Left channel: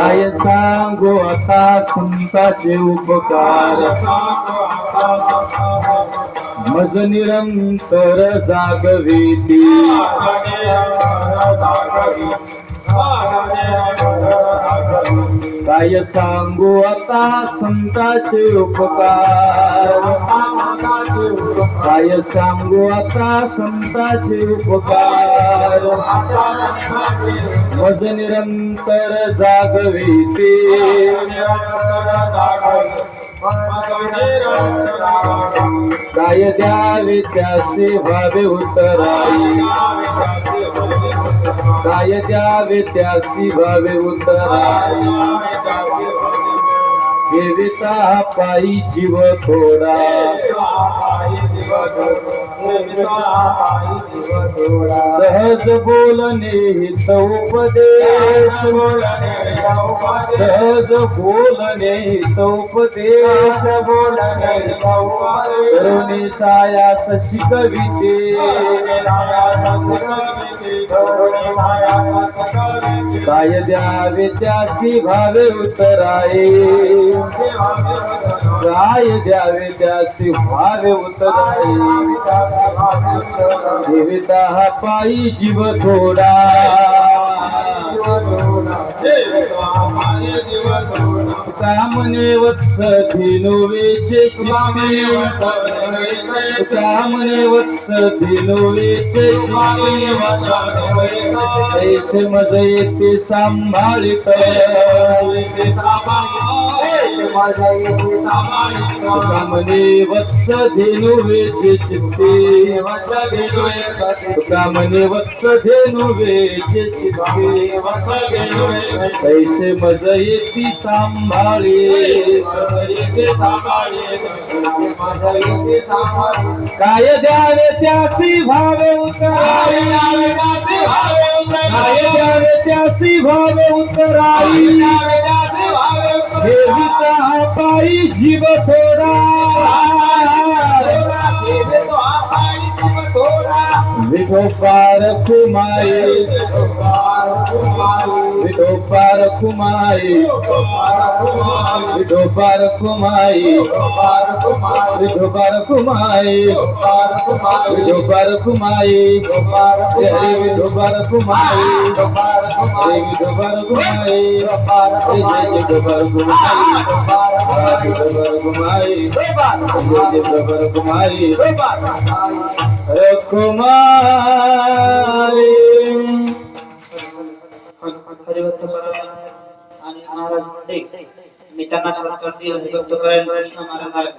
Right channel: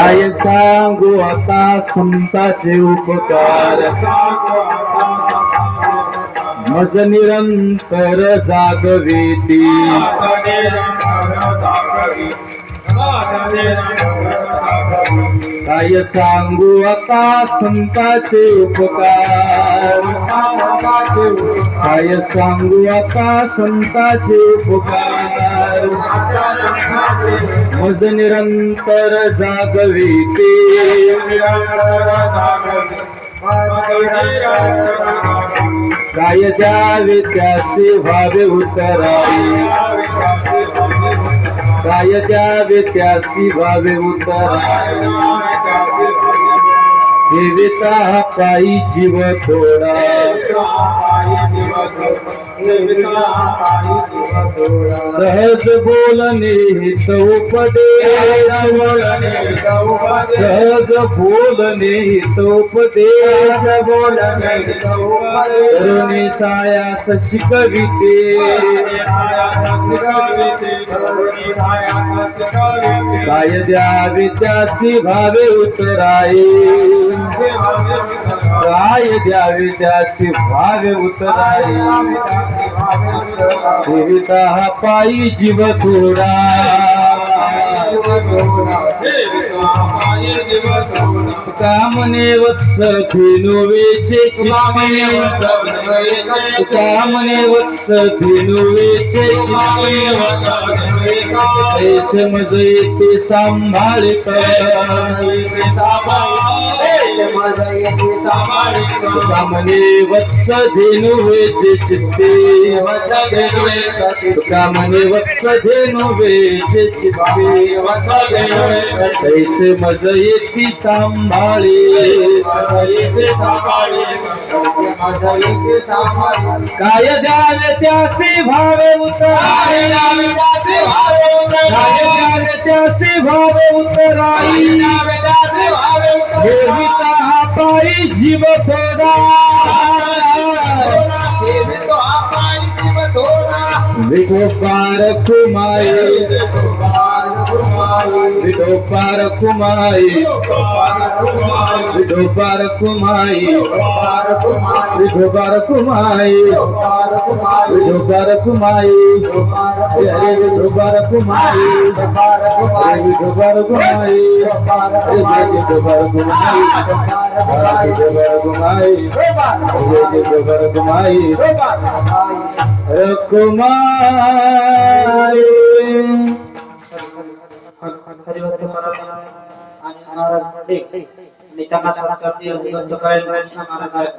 काय सांगू आता संताचे उपकार? मज निरंतर जागविती काय सांगू आता संताचे उपकार? काय सांगू आता संताचे उपकार? मज निरंतर जागविते काय द्यावे त्याचे व्हावे उतराई काय त्या त्याची भावे उतरा ठेविता पायी जीव थोडा. सहज बोलणे हित उपदेश सहज बोलणे हित उपदेश करुणे सायास शिकविते. काय द्यावे त्याची भावे उतराये. काय द्यावे त्याची भावे उतराये देविता हा पायी जीव थोडा कामने वत्स धेनुवेचे कामने वत्स धेनुवेचे ऐसे मज येते सांभाळित. कामने वत्स धेनुवेचे चित्ते कामने वत्स धेनुवेचे चित्ते मज येती सांभाळे काय द्यावे त्यासी भावे उतराई काय द्यावे त्यासी भावे उतराई. ele tá rapaz de motora. Me compara com Maí, me compara com Maí, me compara com Maí, me compara com Maí, me compara com Maí, me compara com Maí, me compara com Maí, me compara com Maí. ডোবার ঘুমাই যে ডোবার ঘুমাই ডোবার সরকার দিয়ে অভিজ্ঞত করেন কৃষ্ণ মারা যায়